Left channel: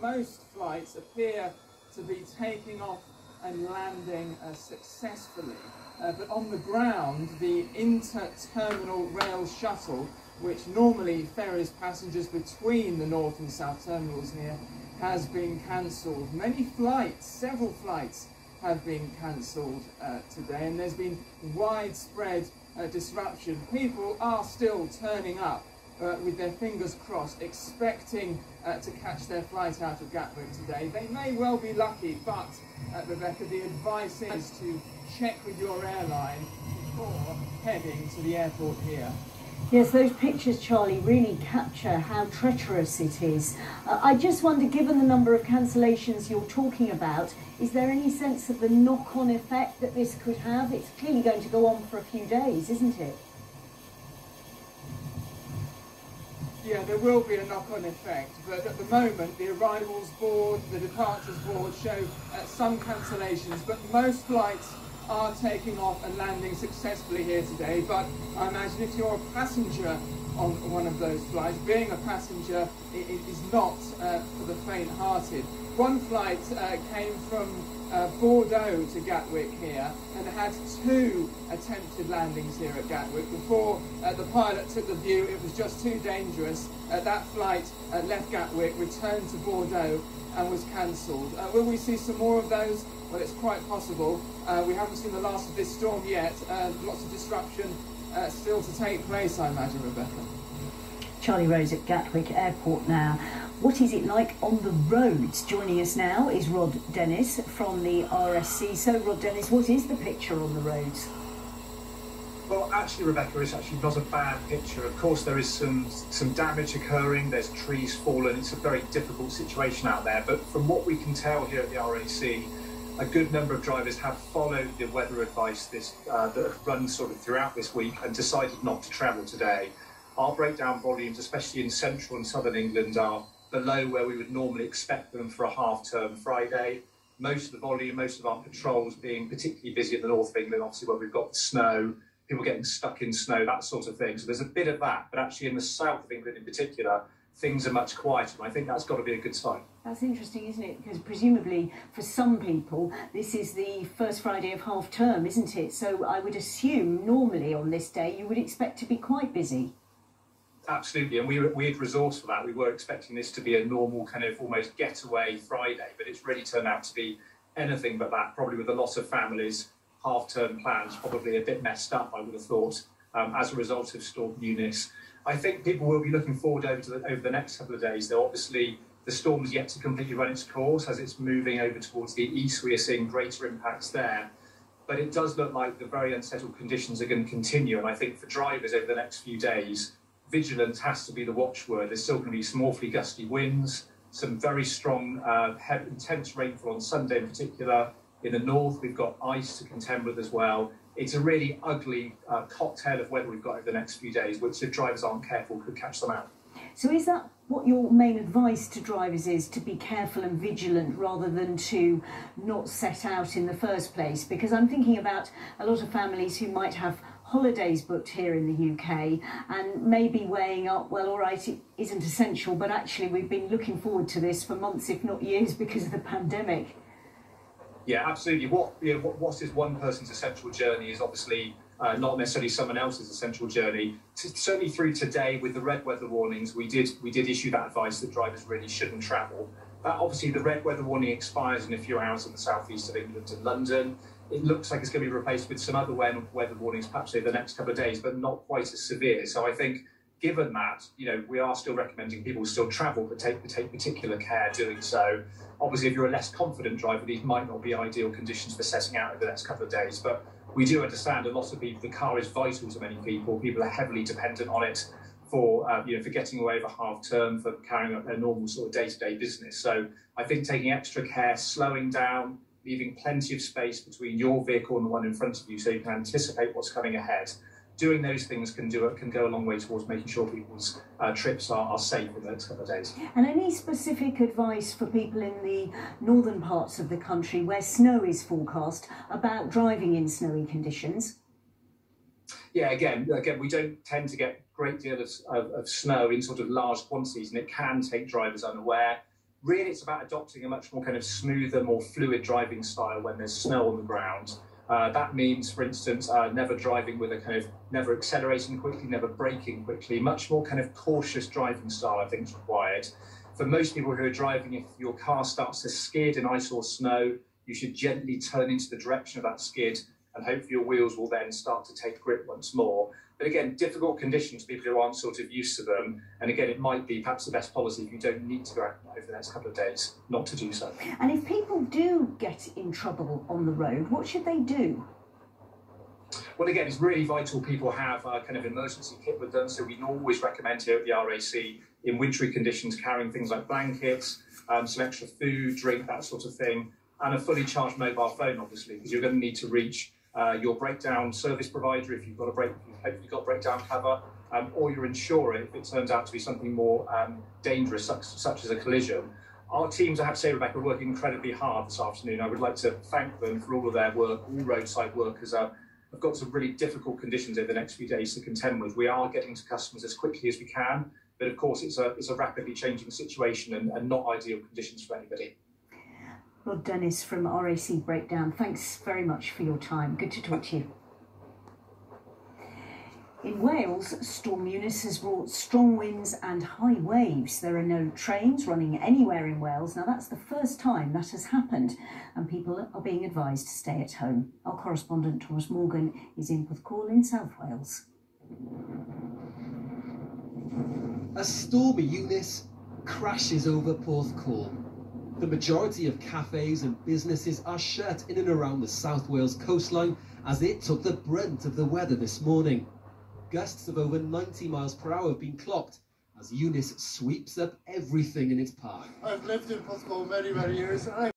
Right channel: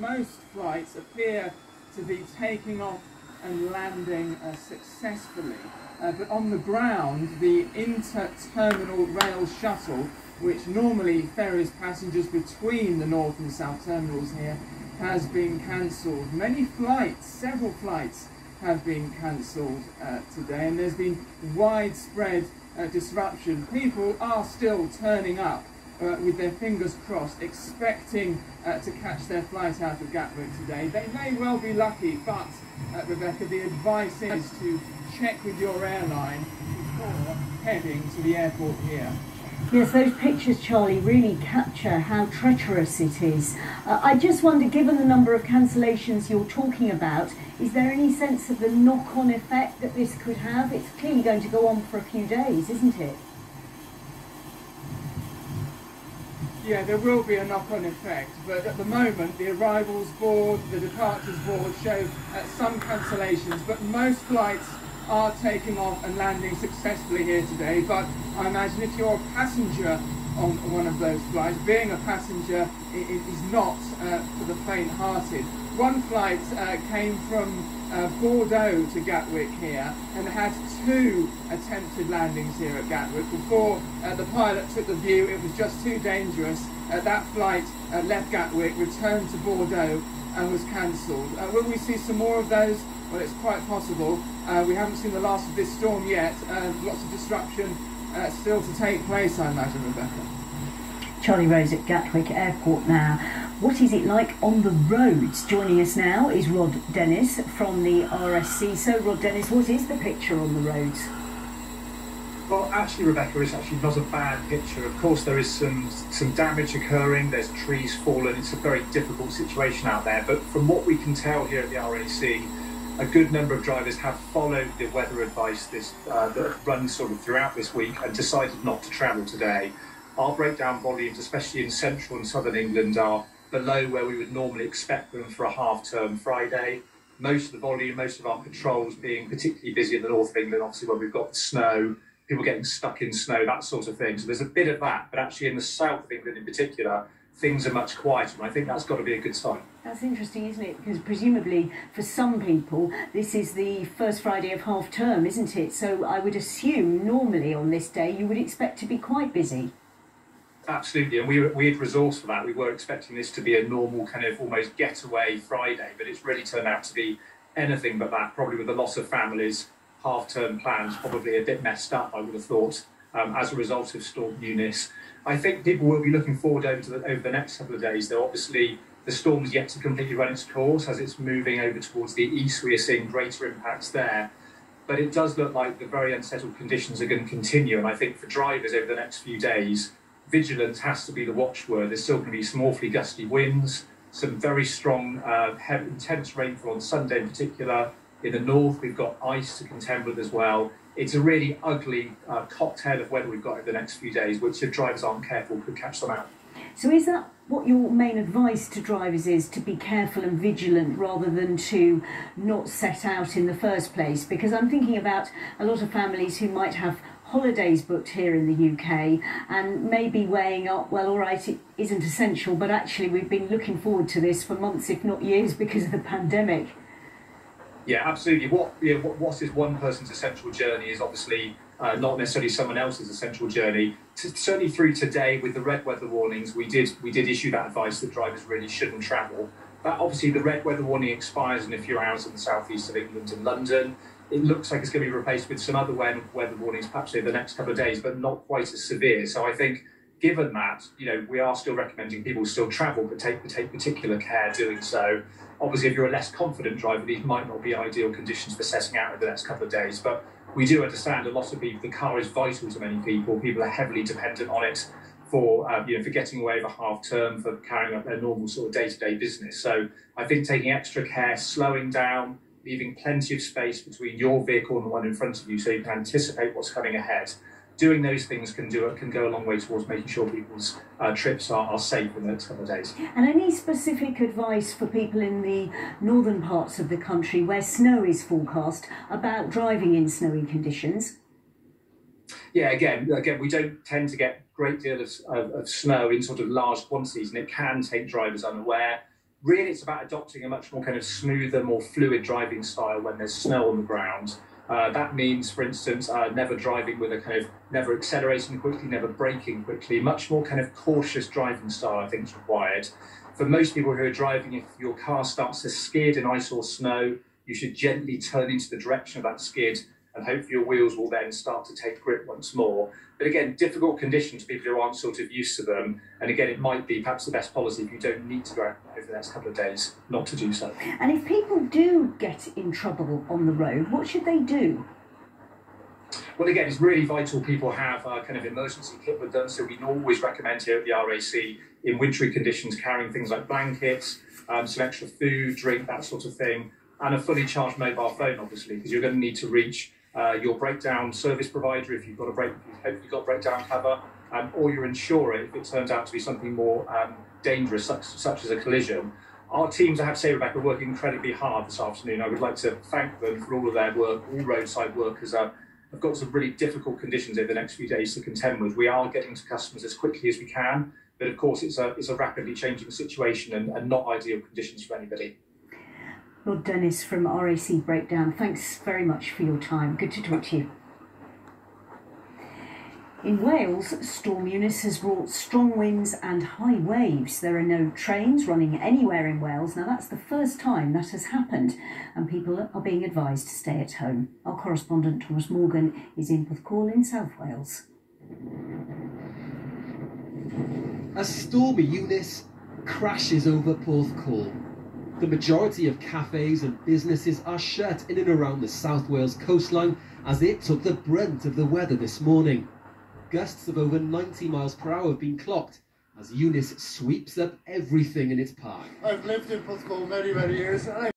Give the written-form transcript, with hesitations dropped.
most flights appear to be taking off and landing successfully. But on the ground, the inter-terminal rail shuttle, which normally ferries passengers between the north and south terminals here, has been cancelled. Many flights, several flights, have been cancelled today, and there's been widespread disruption. People are still turning up with their fingers crossed, expecting to catch their flight out of Gatwick today. They may well be lucky, but Rebecca, the advice is to check with your airline before heading to the airport here. Yes, those pictures, Charlie, really capture how treacherous it is. I just wonder, given the number of cancellations you're talking about, is there any sense of the knock-on effect that this could have? It's clearly going to go on for a few days, isn't it? Yeah, there will be a knock-on effect, but at the moment the arrivals board, the departures board show some cancellations, but most flights are taking off and landing successfully here today. But I imagine if you're a passenger on one of those flights, being a passenger is not for the faint-hearted. One flight came from Bordeaux to Gatwick here and had 2 attempted landings here at Gatwick. Before the pilot took the view it was just too dangerous, that flight left Gatwick, returned to Bordeaux and was cancelled. Will we see some more of those? Well, it's quite possible. We haven't seen the last of this storm yet. Lots of disruption still to take place, I imagine, Rebecca. Charlie Rose at Gatwick Airport now. What is it like on the roads? Joining us now is Rod Dennis from the RSC. So, Rod Dennis, what is the picture on the roads? Well, actually, Rebecca, it's actually not a bad picture. Of course, there is some damage occurring. There's trees fallen. It's a very difficult situation out there. But from what we can tell here at the RAC, a good number of drivers have followed the weather advice that runs sort of throughout this week and decided not to travel today. Our breakdown volumes, especially in central and southern England, are below where we would normally expect them for a half-term Friday. Most of the volume, most of our patrols being particularly busy in the north of England, obviously where we've got the snow, people getting stuck in snow, that sort of thing. So there's a bit of that, but actually in the south of England in particular, things are much quieter, and I think that's got to be a good sign. That's interesting, isn't it? Because presumably for some people this is the first Friday of half term, isn't it? So I would assume normally on this day you would expect to be quite busy. Absolutely, and we had resourced for that. We were expecting this to be a normal kind of almost getaway Friday, but it's really turned out to be anything but that, probably with a lot of families, half-term plans probably a bit messed up, I would have thought, as a result of Storm Eunice. I think people will be looking forward over the next couple of days, though obviously the storm's yet to completely run its course. As it's moving over towards the east, we are seeing greater impacts there. But it does look like the very unsettled conditions are going to continue, and I think for drivers over the next few days, vigilance has to be the watchword. There's still going to be some awfully gusty winds, some very strong, intense rainfall on Sunday in particular. In the north, we've got ice to contend with as well. It's a really ugly cocktail of weather we've got over the next few days, which if drivers aren't careful could catch them out. So is that what your main advice to drivers is, to be careful and vigilant rather than to not set out in the first place? Because I'm thinking about a lot of families who might have holidays booked here in the UK and maybe weighing up, well, all right, it isn't essential, but actually we've been looking forward to this for months, if not years, because of the pandemic. Yeah, absolutely. What is one person's essential journey is obviously not necessarily someone else's essential journey. Certainly through today with the red weather warnings, we did issue that advice that drivers really shouldn't travel. Obviously the red weather warning expires in a few hours in the southeast of England and London. It looks like it's going to be replaced with some other weather warnings perhaps over the next couple of days, but not quite as severe. So I think given that, we are still recommending people still travel, but take particular care doing so. Obviously, if you're a less confident driver, these might not be ideal conditions for setting out over the next couple of days, but we do understand a lot of people, the car is vital to many people. People are heavily dependent on it for getting away over half term, for carrying out their normal sort of day-to-day business. So I think taking extra care, slowing down, leaving plenty of space between your vehicle and the one in front of you so you can anticipate what's coming ahead. Doing those things can go a long way towards making sure people's trips are safe in the next couple of days. And any specific advice for people in the northern parts of the country where snow is forecast about driving in snowy conditions? Yeah, again, we don't tend to get a great deal of snow in sort of large quantities, and it can take drivers unaware. really it's about adopting a much more kind of smoother, more fluid driving style when there's snow on the ground. That means, for instance, never driving with a kind of, never accelerating quickly, never braking quickly, much more kind of cautious driving style I think is required. For most people who are driving, if your car starts to skid in ice or snow, you should gently turn into the direction of that skid and hopefully your wheels will then start to take grip once more. But again, difficult conditions, people who aren't sort of used to them. And again, it might be perhaps the best policy if you don't need to go out over the next couple of days, not to do so. And if people do get in trouble on the road, what should they do? Well, again, it's really vital people have a kind of emergency kit with them. So we always recommend here at the RAC, in wintry conditions, carrying things like blankets, some extra food, drink, that sort of thing, and a fully charged mobile phone, obviously, because you're going to need to reach your breakdown service provider if you've got hopefully got breakdown cover, or your insurer if it turns out to be something more dangerous, such as a collision. Our teams, I have to say, Rebecca, are working incredibly hard this afternoon. I would like to thank them for all of their work. All roadside workers have got some really difficult conditions over the next few days to contend with. We are getting to customers as quickly as we can, but of course it's a rapidly changing situation and not ideal conditions for anybody. Lord Dennis from RAC Breakdown, thanks very much for your time. Good to talk to you. In Wales, Storm Eunice has brought strong winds and high waves. There are no trains running anywhere in Wales. Now, that's the first time that has happened, and people are being advised to stay at home. Our correspondent Thomas Morgan is in Porthcawl in South Wales. As Storm Eunice crashes over Porthcawl, the majority of cafes and businesses are shut in and around the South Wales coastline as it took the brunt of the weather this morning. Gusts of over 90 miles per hour have been clocked as Eunice sweeps up everything in its path. I've lived in Porthcawl many years and